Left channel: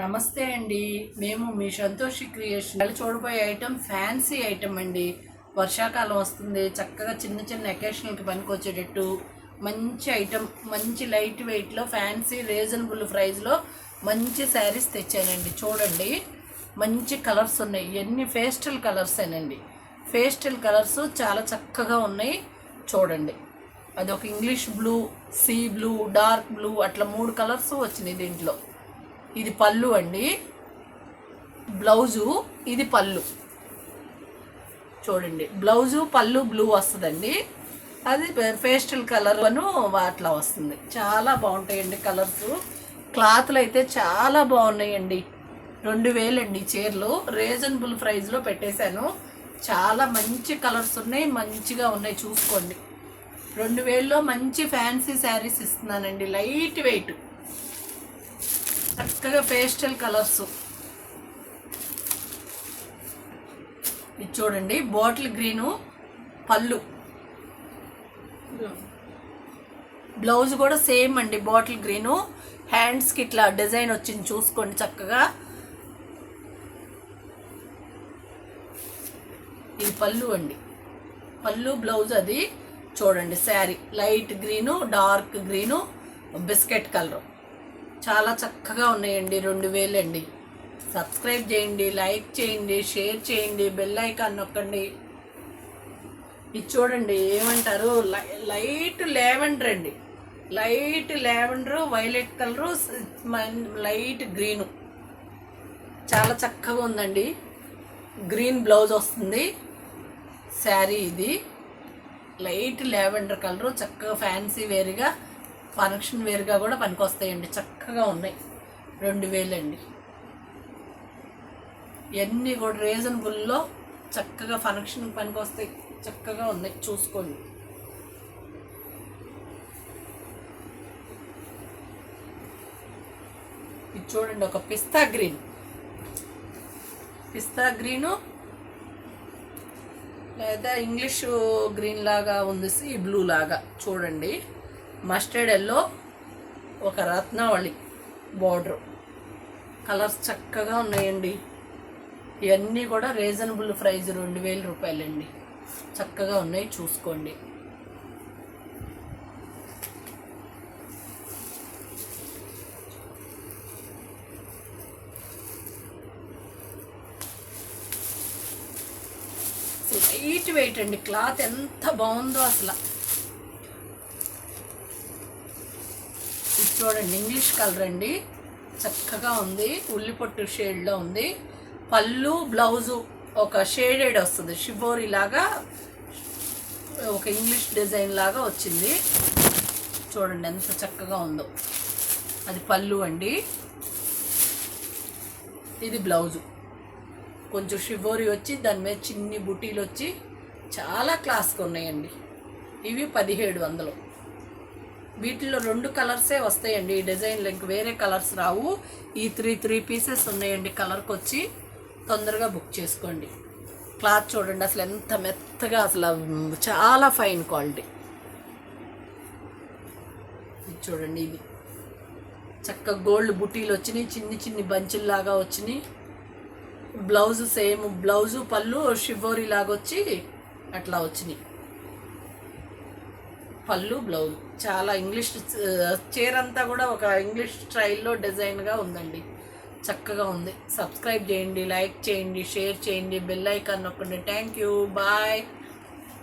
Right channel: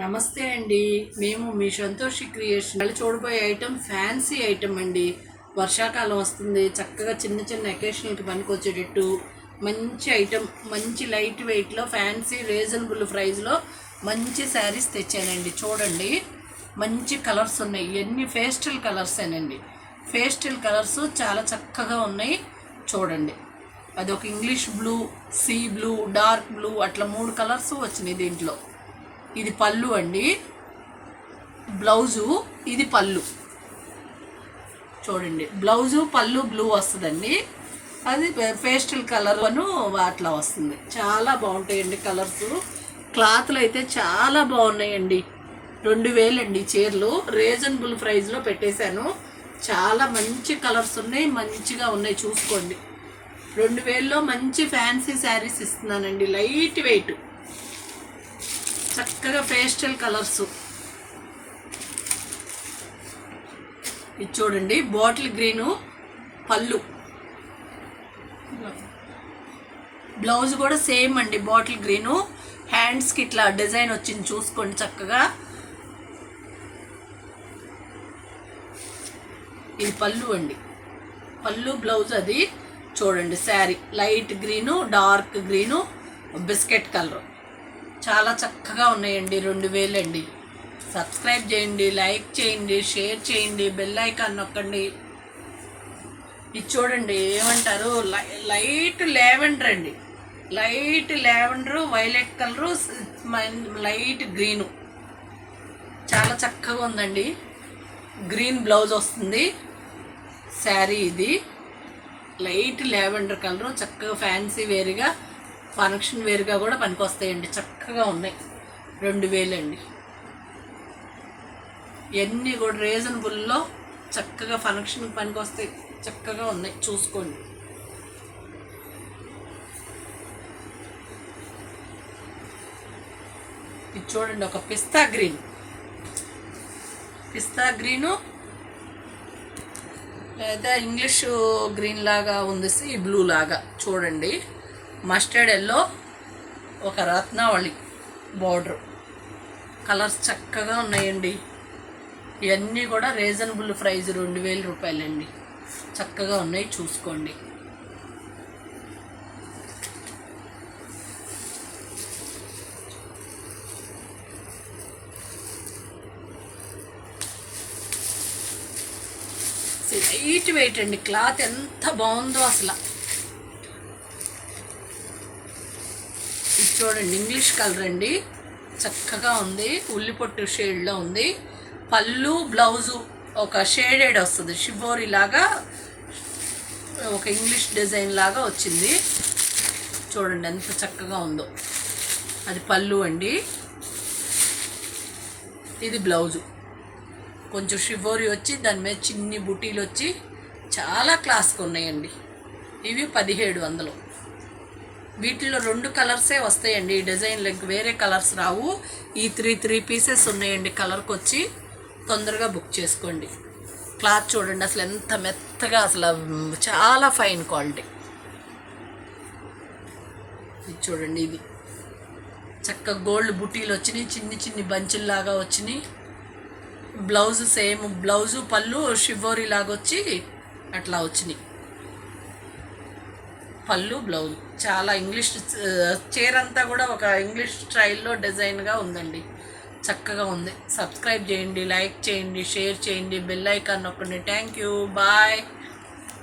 నమస్తే అండి. మేము మీ సంతోషి క్రియేషన్ చూడబోయే ఐటెం ఫ్యాన్సీ ఐటెం అండి. వర్షాకాలం వస్తుంది, చక్కగా చిన్న చిన్న అకేషన్కి పనికొచ్చేటట్టు మంచి ఐటెం, మంచి లైట్ వెయిట్లో ఫ్యాన్సీ రీజనబుల్ ప్రైస్లో మంచి శారీస్ తెచ్చానండి. చూడండి, మంచి కలర్స్ ఉన్నాయి. ఎన్ని పేస్టల్ కలర్సేనండి. పేస్టల్ కలర్స్ చాలా చక్కగా ఉన్నాయి. చూడండి, అదొక English blue, sea blue, dark blue, అట్లా 3 కలర్స్ వచ్చినాయి దీంట్లో. ఇది పళ్ళు అండి, బ్లౌజు. ఇది పళ్ళు. చూడండి, బ్లౌజు పళ్ళు బ్లూ వస్తుందండి. అది పేస్టల్ కలర్ అట్లా వస్తుంది. చాలా బాగుంటాయండి కలర్స్. క్లాత్లు అయితే చాలా బాగున్నాయండి. 2000 అండి చీరలు. రీజనబుల్ ప్రైస్లో పెట్టేశాను. చాలా మంచి కలర్స్ ఉన్నాయి, మంచిగా ఉన్నాయి. చూసుకోండి, 2000లో మంచి ఫ్యాన్సీ శారీస్ ఇస్తున్నానండి. లైట్ వెయిట్, చక్కగా పేస్టల్ కలర్స్. ఇది చూడండి, బాటిల్ గ్రీను పళ్ళు, బ్లౌజ్ కూడా సేమ్ అండి, బాటిల్ గ్రీను. హ్యాండ్స్కి ఇట్లా డిజైన్ వచ్చింది, చూసుకోండి చక్కగా. ఇది పళ్ళు అండి, పళ్ళు బ్లౌజ్. అది చూడండి, sari light green, dark green, biscuit colour. చాలా చక్కగా ఉన్నాయండి. 2000 అండి. సబ్స్క్రైబ్ చేయండి, లైక్ చేయండి, షేర్ చేయండి, బెల్ ఐకాన్ నొక్కండి. ఇది చూడండి, ఏమంటారు, లైట్ లావెండర్ అండి. Light lavender, violet colour, light green. చాలా చక్కగా ఉందండి. గ్రీన్ బ్లౌజ్ వస్తుంది. శారీ ఇది లైట్ లావెండర్ కలరు. చక్కగా ఫ్యాన్సీ వేరుగా, ఫంక్షన్ వేరుగా కూడా పనికొస్తాయండి. చక్కగా ఉన్నాయి. 2000 అండి. ఇవన్నీ కూడా రీజనబుల్లో చక్కగా ఫంక్షన్కి పనికొస్తాయి. చక్కగా ఉన్నాయి, చూసుకోండి. ఇది చూడండి, ఒక పిస్తా గ్రీన్, పిస్తా గ్రీను లేదా ఇంగ్లీష్ గ్రీన్ లాగా ఉంది, ఈ బ్లూ లాగా. చూడండి, మస్టర్డ్ ఎల్లో, ఒక రత్నావళి బార్డర్. కలర్స్ చక్కగా ఉన్నాయండి. ఇవన్నీ కూడా రీజనబుల్ ప్రైస్, 2000 రూపాయలండి. చక్కగా ఉన్నాయి, చూసుకోండి. లైట్ వెయిట్ అండి. క్లాత్ ఎంత బాగుందో అసలు. ఇది చూడండి, ఇంగ్లీష్ కలర్ అండి. చక్కగా ఉంది, ఉల్లిపొట్టు షేడ్లో ఉంది. పళ్ళు బ్లౌజు ఒక షేడెడ్ వస్తుంది, షిబోరి లాగా, ఒక ఇంగ్లీష్ డిజైన్ లాగా వచ్చింది. చూడండి ఎంత చక్కగా ఉందో. అది పళ్ళు అండి. ఇది బ్లౌజు, కొంచెం షిబోరి వచ్చి దాని మీద చిన్ని బుటీలు వచ్చి చాలా క్లాస్గా ఉన్నాయండి. ఇవి 1700. వీటిలో 2 కలర్సే వస్తాయండి. ఈ డిజైన్లో ఇంక వేరే కలర్స్ రావు. ఈ 3 పీసెస్ ఉన్నాయండి కలర్కి వచ్చి. తొందరగా బుక్ చేసుకోండి. క్లాత్ చూడండి అసలు ఎంత మెత్తగా, అసలు చాలా ఫైన్ క్వాలిటీ. ఇది చూడండి, ఇది చక్కగా గోల్డ్ బుటీలు వచ్చినాయి, చిన్ని చిన్ని బంచుల్లాగా వచ్చినాయి. బ్లౌజ్ సేమ్, బ్లౌజు పళ్ళు షిబోరి లాగా వచ్చి అట్లా వచ్చినాయి. పళ్ళు బ్లౌజ్ చాలా ఇంగ్లీష్ చీర అంతా కూడా ఒక ఇంగ్లీష్ స్టైల్లో డిజైన్గా ఉందండి. చక్కగా ఉంది. సబ్స్క్రైబ్ చేయండి, లైక్ చేయండి, షేర్ చేయండి, బెల్ ఐకాన్ నొక్కండి. Thank you, bye.